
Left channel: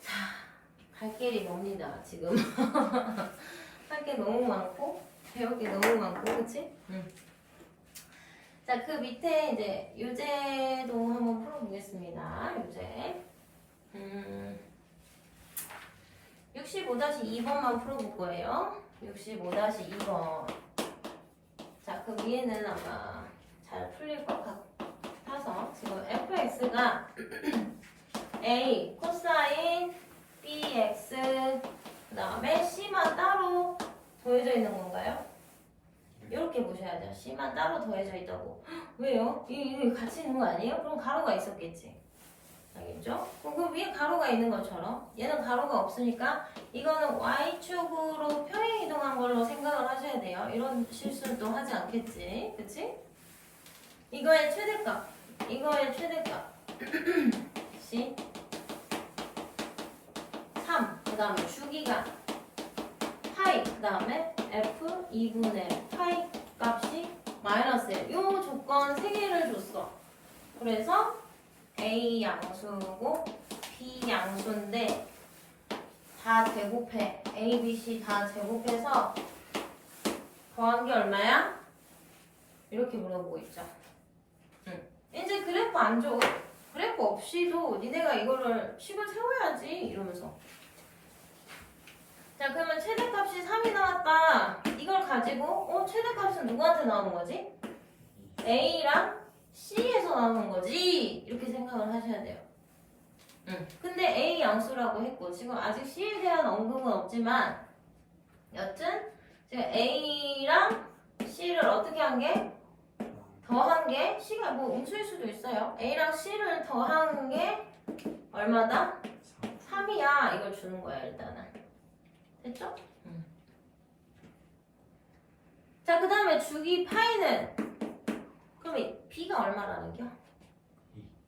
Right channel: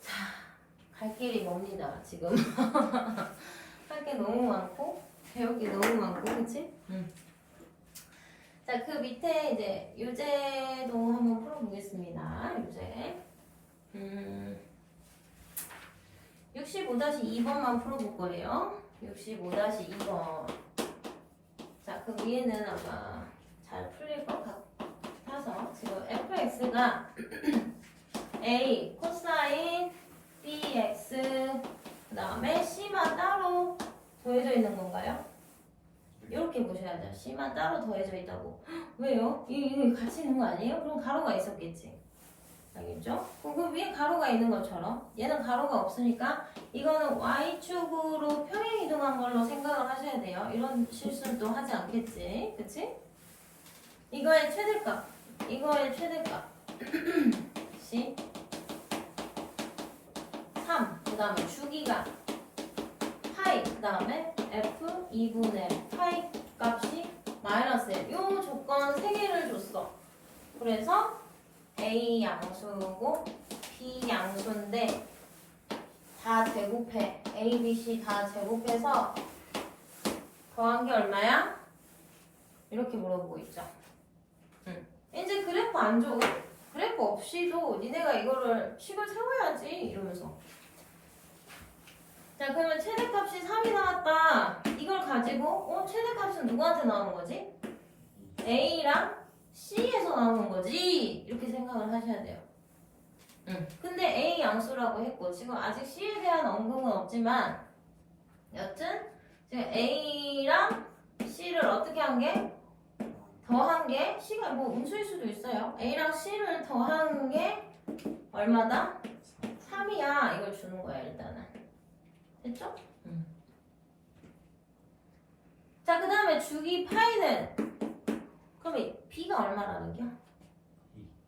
자, 갈 길이 멉니다 지금. 할 게 너무 많고 배울 게 너무 많고, 그치? 자, 그 밑에 이제 유제도 한번 풀어보겠습니다. 유제. 65-2번만 풀어볼 거예요. 65-2번. 자, 그 위에는 아마 잘 풀릴 것 같아서 지금 fx가 a 코사인 bx 그 다음에 c만 따로 더해져 있는 건가요? 이렇게 보셔야죠. c만 따로 더해져 있다고. 왜요? 이게 같이 있는 거 아니에요? 그럼 가로가 있었겠지. 알겠죠? 그 위에 가로가 있는 것처럼 얘는 가로가 없으니까 이거는 y축으로 평행 이동한 걸로 생각을 하셔야 돼요. 이런 실수는 또 하지 않겠지. 그치? 이거의 최대값 C 3, 그 다음에 주기가 파이, 그 다음에 F 2분의 파이 값이 마이너스 1. 요 조건 3개를 줬어. 그래서 A 양수고 B 양수인데 다 제곱해. A, B, C 다 제곱해서 더한 게 얼마야? 이렇게 물어보고 있죠. 이제 그래프 안 줘. 그래프 없이도 니네가 이거를 식을 세워야지 이러면서. 자, 그러면 최대값이 3이 나왔다. 이걸 가지고 최대값은 누구한테 나오는 거지? A랑 C에서 나오는 거지. 이렇게 생각을 하셔야 돼요. 근데 A 양수라고 했고 지금 아직 C에 대한 언급은 없지만 여튼 지금 A랑 어떻게 한 게? 더한 게 C가 뭐 음수일 수도 있어요. A랑 C를 더한 게 얼마다? 3이야. 이걸 주는 거야 일단은. 됐죠? 자, 그 다음에 주기 파이는 그럼 B가 얼마라는 겨?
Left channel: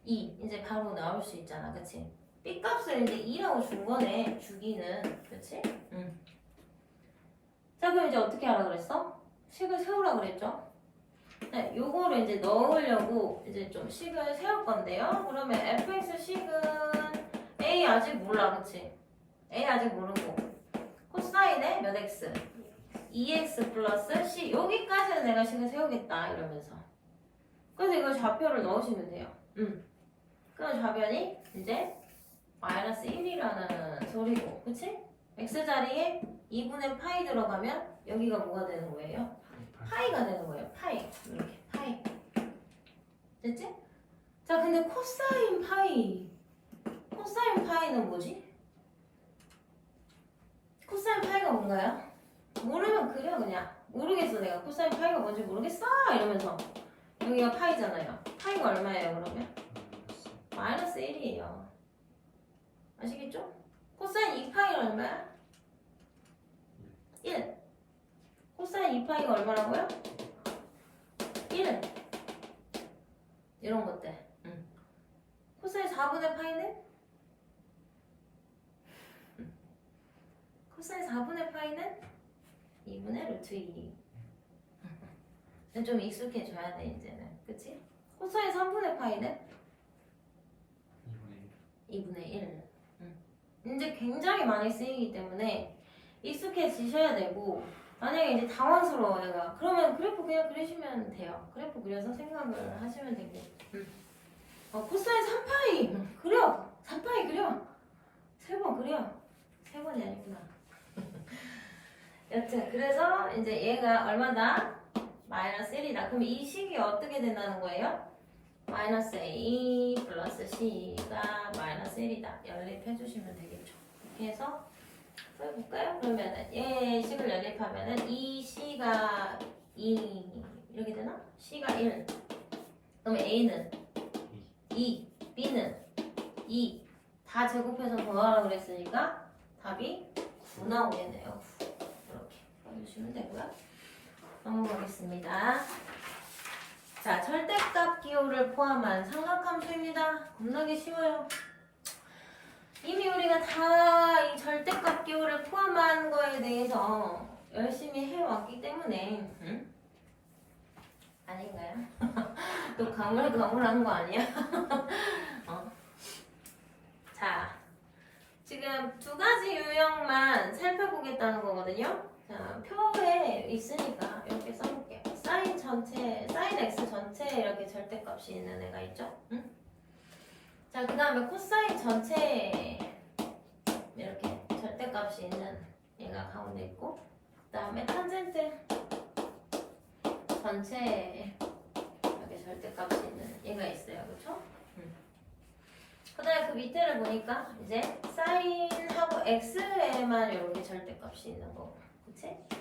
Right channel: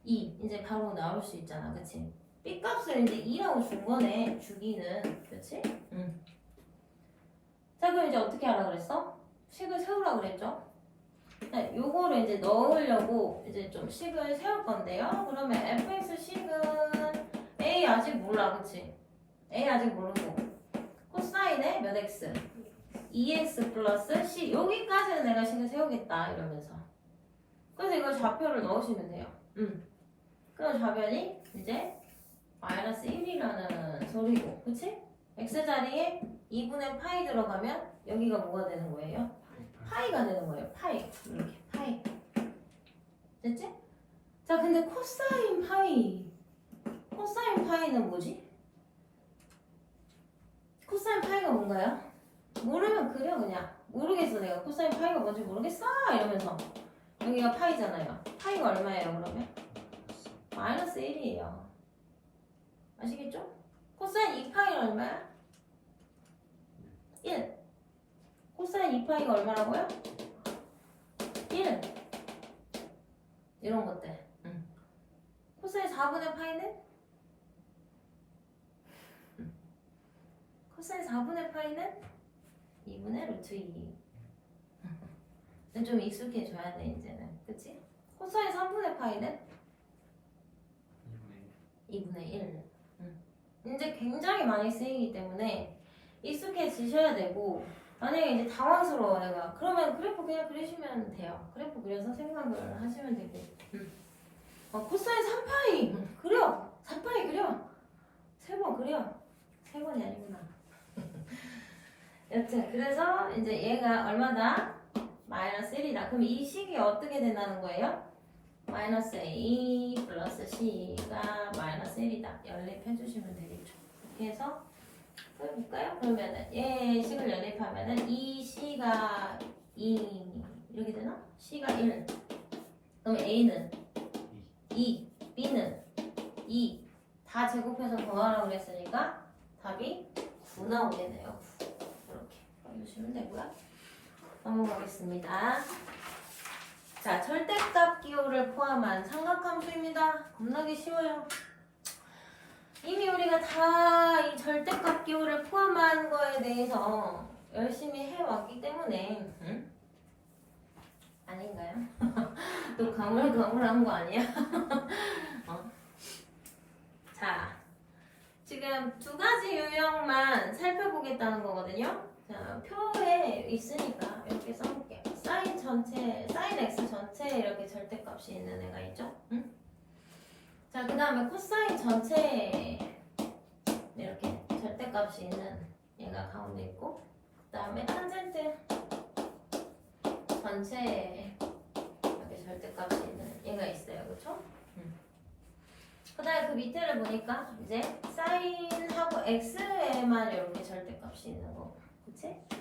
2. 이제 바로 나올 수 있잖아. 그치? B 값을 이제 2라고 준 거네. 주기는. 그치? 자, 그럼 이제 어떻게 하라 그랬어? 식을 세우라 그랬죠? 네, 요거를 이제 넣으려고 이제 좀 식을 세울 건데요. 그러면 fx 식은 a 아직 몰라. 그치? a 아직 모르고 코사인에 몇 x? 2x 플러스 c. 여기까지는 내가 식을 세우겠다. 이러면서. 그래서 이걸 좌표를 넣으시면 돼요. 그럼 좌변이 이제 마이너스 1이라는 소리고. 그치? x 자리에 2분의 파이 들어가면 여기가 뭐가 되는 거예요? 파이가 되는 거예요. 파이. 이렇게 파이. 됐지? 자, 근데 코사인 파이. 코사인 파이는 뭐지? 코사인 파이가 뭔가요? 모르면 그려 그냥. 모르겠어 내가 코사인 파이가 뭔지 모르겠어 이러면서. 여기가 파이잖아요. 파이가 얼마예요 그러면? 마이너스 1이에요. 아시겠죠? 코사인 2파이가 얼마야? 1. 코사인 2파이가 얼마라고요? 1. 이런 것들. 코사인 4분의 파이는? 코사인 4분의 파이는? 2분의 루트 2. 좀 익숙해져야 돼 이제는. 그치? 코사인 3분의 파이는? 2분의 1. 이제 굉장히 많이 쓰이기 때문에 익숙해지셔야 되고, 만약에 이제 당황스러워요. 그러면 그래프 그냥 그리시면 돼요. 그래프 그려서 생각을 하시면 되고. 코사인 3파이 그려. 3파이 그려. 3번 그려. 3번이 아니구나. 여튼 그래서 이제 얘가 얼마다? 마이너스 1이다. 그럼 이 식이 어떻게 된다는 거예요? 마이너스 A 플러스 C가 마이너스 1이다. 연립해 주시면 되겠죠. 이렇게 해서 해볼까요? 그러면은 얘 식을 연립하면은 2C가 2 이렇게 되나? C가 1. 그럼 A는 2, B는 2. 다 제곱해서 더하라고 그랬으니까 답이 9 나오겠네요. 이렇게 해주시면 되고요. 넘어가겠습니다. 자, 절대값 기호를 포함한 삼각함수입니다. 겁나게 쉬워요. 이미 우리가 다 이 절대값 기호를 포함한 거에 대해서 열심히 해왔기 때문에 아닌가요? 또 가물가물한 거 아니야? 자, 지금 두 가지 유형만 살펴보겠다는 거거든요. 자, 표에 있으니까 이렇게 써볼게요. 사인 전체, 사인 x 전체 이렇게 절대값이 있는 애가 있죠? 응? 자, 그 다음에 코사인 전체 이렇게 절대값이 있는 얘가 가운데 있고, 그 다음에 탄젠트 전체 이렇게 절대값이 있는 얘가 있어요. 그쵸? 그 다음에 그 밑에를 보니까 이제 사인하고 x에만 이렇게 절대값이 있는 거고, 그치? 그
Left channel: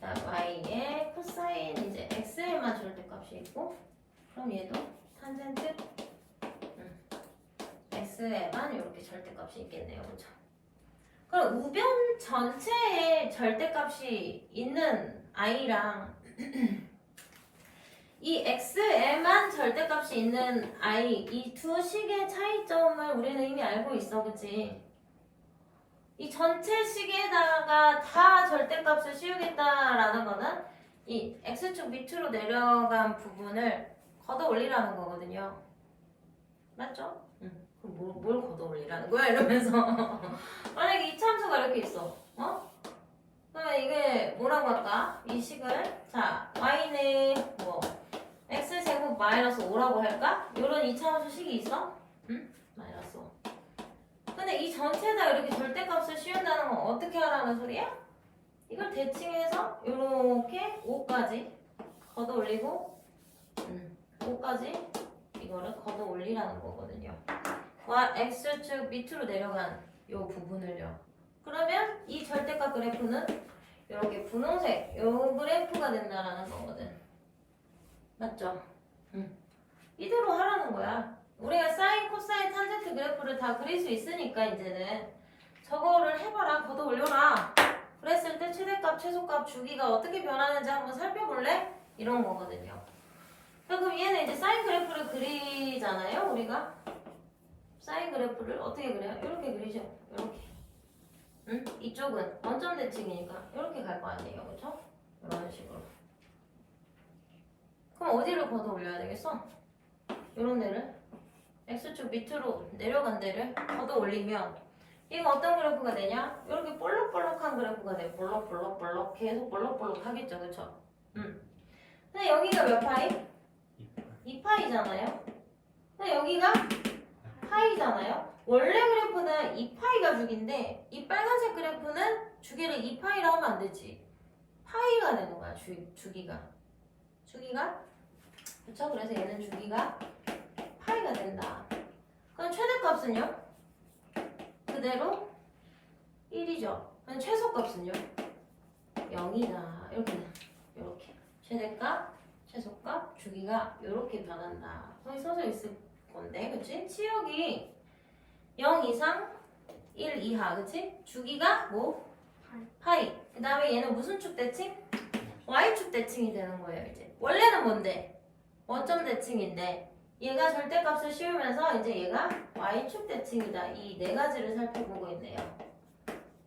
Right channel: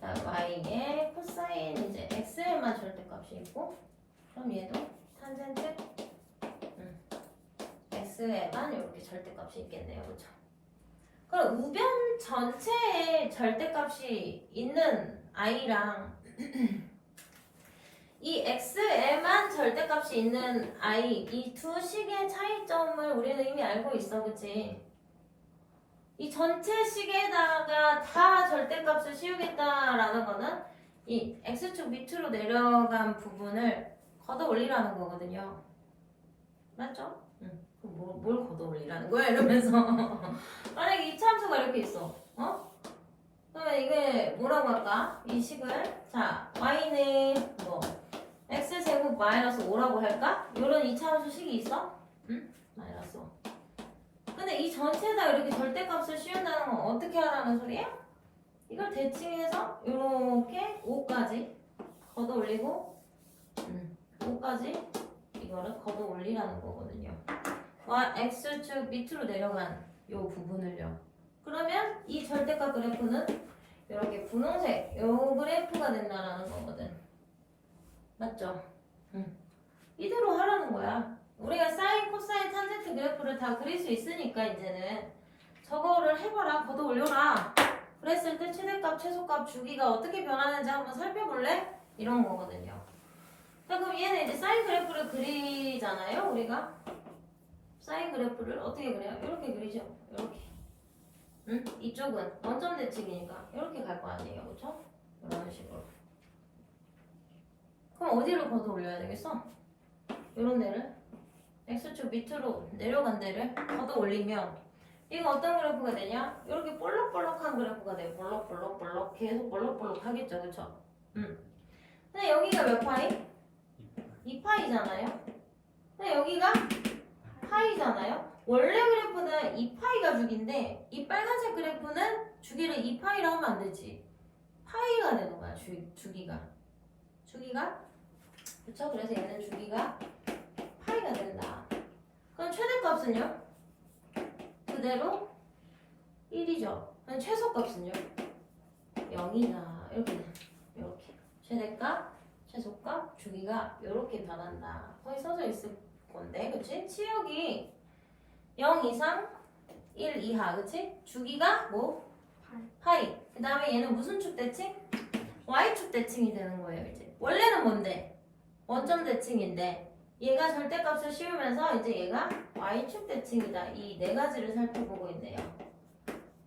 다음 y에 코사인 이제 x에만 절대값이 있고, 그럼 얘도 탄젠트 x에만 이렇게 절대값이 있겠네요. 그쵸? 그럼 우변 전체에 절대값이 있는 i랑 이 x에만 절대값이 있는 i, 이 두 식의 차이점을 우리는 이미 알고 있어. 그치? 이 전체 식에다가 다 절대값을 씌우겠다라는 거는 이 x축 밑으로 내려간 부분을 걷어 올리라는 거거든요. 맞죠? 그럼 뭘 걷어 올리라는 거야? 이러면서 만약에 이 참수가 이렇게 있어. 그러면 이게 뭐라고 할까? 이 식을 자 y는 뭐 x제곱 마이너스 5라고 할까? 이런 이차함수 식이 있어? 응? 마이너스 5. 근데 이 전체에다 이렇게 절대값을 씌운다는 건 어떻게 하라는 소리야? 이걸 대칭해서 이렇게 5까지 걷어 올리고 5까지 이거를 걷어 올리라는 거거든요. x축 밑으로 내려간 이 부분을요. 그러면 이 절대값 그래프는 이렇게 분홍색 이 그래프가 된다라는 거거든. 맞죠? 이대로 하라는 거야. 우리가 사인, 코사인, 탄젠트 그래프를 다 그릴 수 있으니까 이제는 저거를 해봐라, 걷어 올려라. 그랬을 때 최대값, 최소값, 주기가 어떻게 변하는지 한번 살펴볼래? 이런 거거든요. 자, 그럼 얘는 이제 사인 그래프를 그리잖아요, 우리가. 사인 그래프를 어떻게 그려요? 이렇게 그리죠. 이렇게. 응? 이쪽은 원점 대칭이니까 이렇게 갈 거 아니에요, 그렇죠? 이런 식으로. 그럼 어디를 걷어 올려야 되겠어? 이런 데를 x축 밑으로 내려간 데를 걷어 올리면 이거 어떤 그래프가 되냐? 이렇게 볼록볼록한 그래프가 돼요. 볼록볼록볼록 계속 볼록볼록 하겠죠, 그렇죠? 근데 여기가 몇 파이? 2파이잖아요. 근데 여기가 파이잖아요. 원래 그래프는 2파이가 주기인데 이 빨간색 그래프는 주기를 2파이라 하면 안 되지. 파이가 되는 거야, 주기가. 그쵸? 그래서 얘는 주기가 파이가 된다. 그럼 최대값은요? 그대로 1이죠. 그럼 최소값은요? 0이다. 이렇게. 최대값, 최소값, 주기가 이렇게 변한다. 거기 써져 있을 건데, 그치? 치역이 0 이상 1 이하, 그치? 주기가 뭐? 파이. 그 다음에 얘는 무슨 축 대칭? Y축 대칭이 되는 거예요, 이제. 원래는 뭔데? 원점 대칭인데, 얘가 절대값을 씌우면서 이제 얘가 Y축 대칭이다. 이 네 가지를 살펴보고 있네요.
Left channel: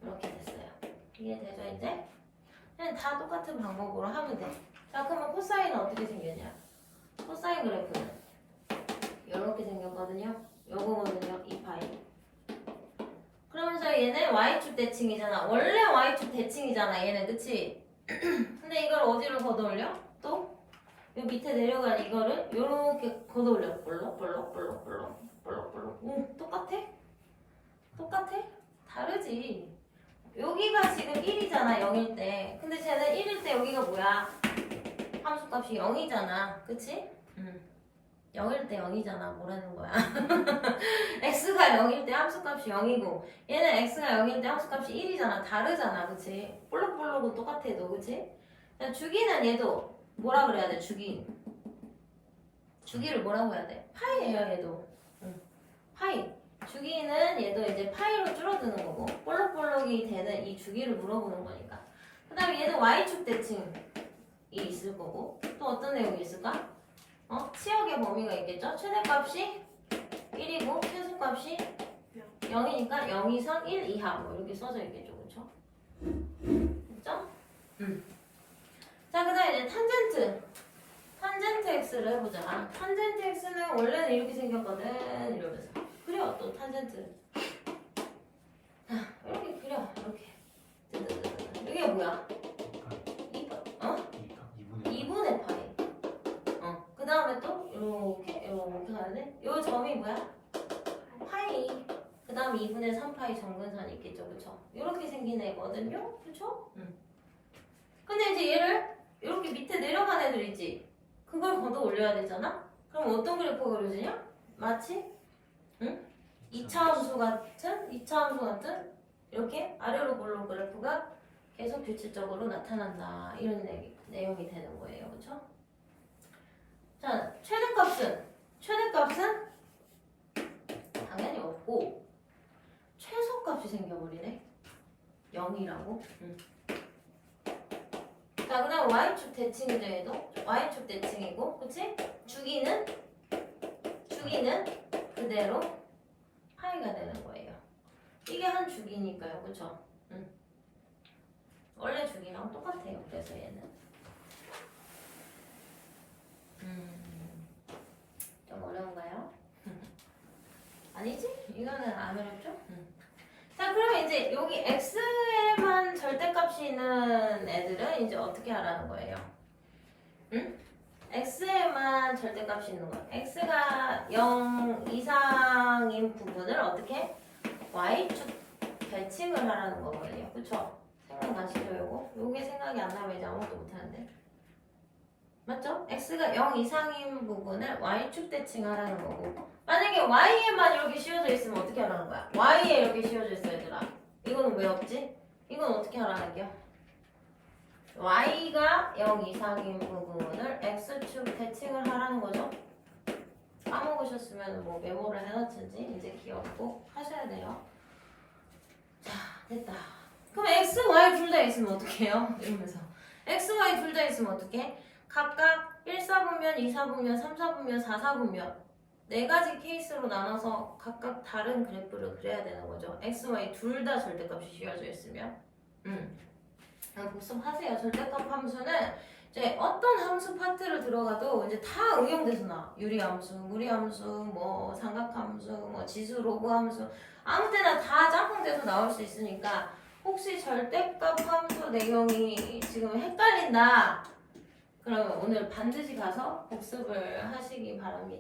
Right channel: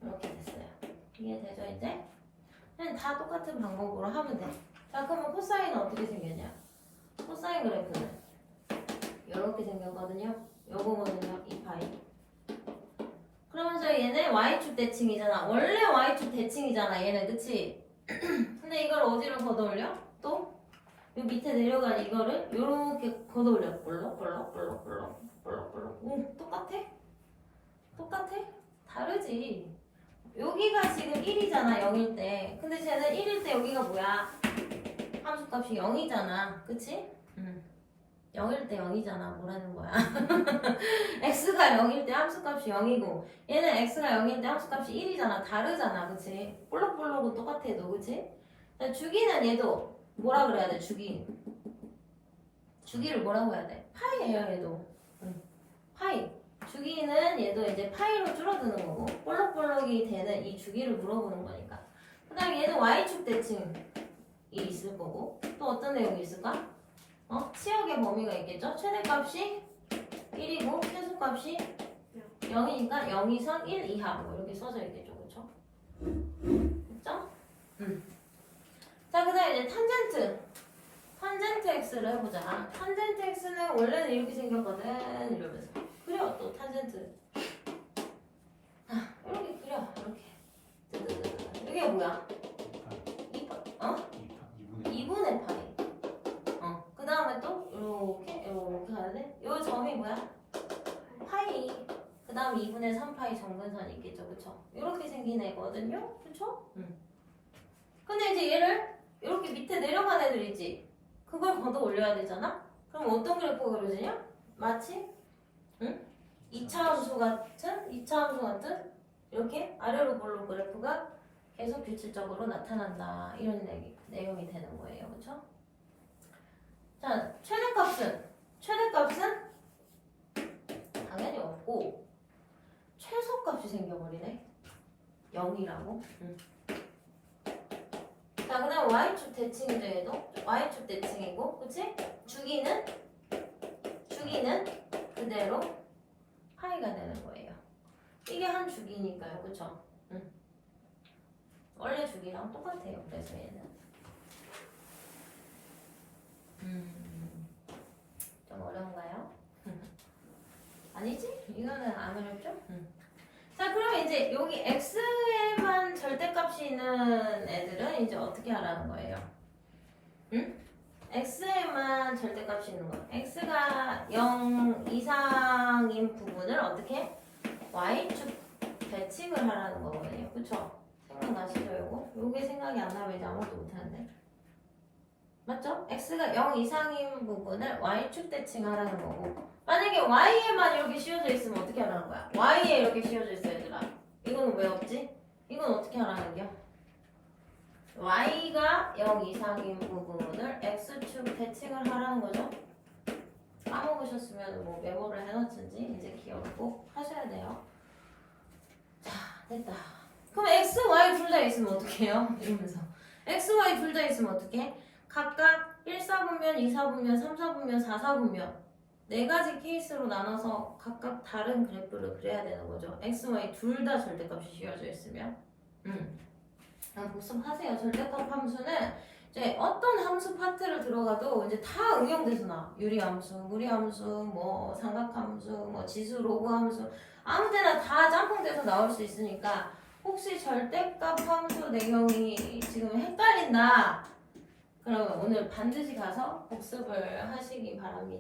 이렇게 됐어요. 이해되죠, 이제? 그냥 다 똑같은 방법으로 하면 돼. 자, 그러면 코사인은 어떻게 생겼냐? 코사인 그래프는 이렇게 생겼거든요. 요거거든요, 2파이. 그러면서 얘는 Y축 대칭이잖아. 원래 Y축 대칭이잖아, 얘는, 그치? 근데 이걸 어디로 걷어올려? 또? 요 밑에 내려간 이거를 요렇게 걷어올려. 볼록. 오, 똑같아? 다르지. 여기가 지금 1이잖아, 0일 때. 근데 쟤는 1일 때 여기가 뭐야? 함수값이 0이잖아. 그치? 0일 때 0이잖아. 뭐라는 거야? x가 0일 때 함수값이 0이고 얘는 x가 0일 때 함수값이 1이잖아. 다르잖아. 그치? 볼록볼록은 똑같아도. 그치? 자, 주기는 얘도 뭐라 그래야 돼? 주기를 뭐라고 해야 돼? 파이예요, 얘도. 파이. 주기는 얘도 이제 파이로 줄어드는 거고 볼록볼록이 되는 이 주기를 물어보는 거니까. 그 다음에 얘는 y축 대칭이 있을 거고 또 어떤 내용이 있을까? 치역의 범위가 있겠죠? 최대값이 1이고 최소값이 0이니까 0 이상 1 이하 뭐 이렇게 써져 있겠죠, 그렇죠? 됐죠? 자, 그 다음에 이제 탄젠트 x를 해보자. 탄젠트 x는 원래는 이렇게 생겼거든. 이러면서 그려. 또 탄젠트 이렇게 그려. 이렇게. 이게 뭐야? 2분의 파이. 그 다음에 또 이렇게 가야 돼. 요 점이 뭐야? 파이. 그 다음 2분의 3파이 정근선이 있겠죠, 그쵸? 이렇게 생긴 애거든요, 그쵸? 근데 이제 얘를 이렇게 밑에 내려간 애들 있지? 그걸 걷어 올려야 되잖아? 그럼 어떤 그래프가 그려지냐? 마치 2차 함수 같은 이렇게 아래로 볼록 그래프가 계속 규칙적으로 나타난다. 이런 내용이 되는 거예요, 그쵸? 자, 최대값은 당연히 없고 최소값이 생겨버리네. 0이라고. 자, 그 다음 Y축 대칭이죠, 얘도. Y축 대칭이고, 그치? 주기는 그대로 파이가 되는 거예요. 이게 한 주기니까요, 그쵸? 원래 주기랑 똑같아요, 그래서 얘는. 좀 어려운가요? 아니지? 이거는 안 어렵죠? 자, 그러면 이제 여기 x에만 절대값이 있는 애들은 이제 어떻게 하라는 거예요? x에만 절대값이 있는 거. x가 0 이상인 부분을 어떻게? y축 대칭을 하라는 거거든요. 그쵸? 생각나시죠, 요거? 요게 생각이 안 나면 이제 아무것도 못하는데. 맞죠? x가 0 이상인 부분을 y축 대칭하라는 거고 만약에 y에만 이렇게 씌워져 있으면 어떻게 하라는 거야? y에 이렇게 씌워져 있어, 얘들아. 이거는 왜 없지? 이건 어떻게 하라는 겨? y T가 0 이상인 부분을 X축 대칭을 하라는 거죠. 까먹으셨으면 뭐 메모를 해놓든지 이제 기억 꼭 하셔야 돼요. 자, 됐다. 그럼 X, Y 둘 다 있으면 어떡해요? 이러면서 X, Y 둘 다 있으면 어떡해? 각각 1, 4분면, 2, 4분면, 3, 4분면, 4, 4분면 네 가지 케이스로 나눠서 각각 다른 그래프를 그려야 되는 거죠. X, Y 둘 다 절대값이 씌워져 있으면 그냥 복습하세요. 절대값 함수는 이제 어떤 함수 파트를 들어가도 이제 다 응용돼서 나와. 유리함수, 무리함수, 뭐 삼각함수, 뭐 지수, 로그 함수 아무 데나 다 짬뽕돼서 나올 수 있으니까 혹시 절대값 함수 내용이 지금 헷갈린다 그러면 오늘 반드시 가서 복습을 하시기 바랍니다.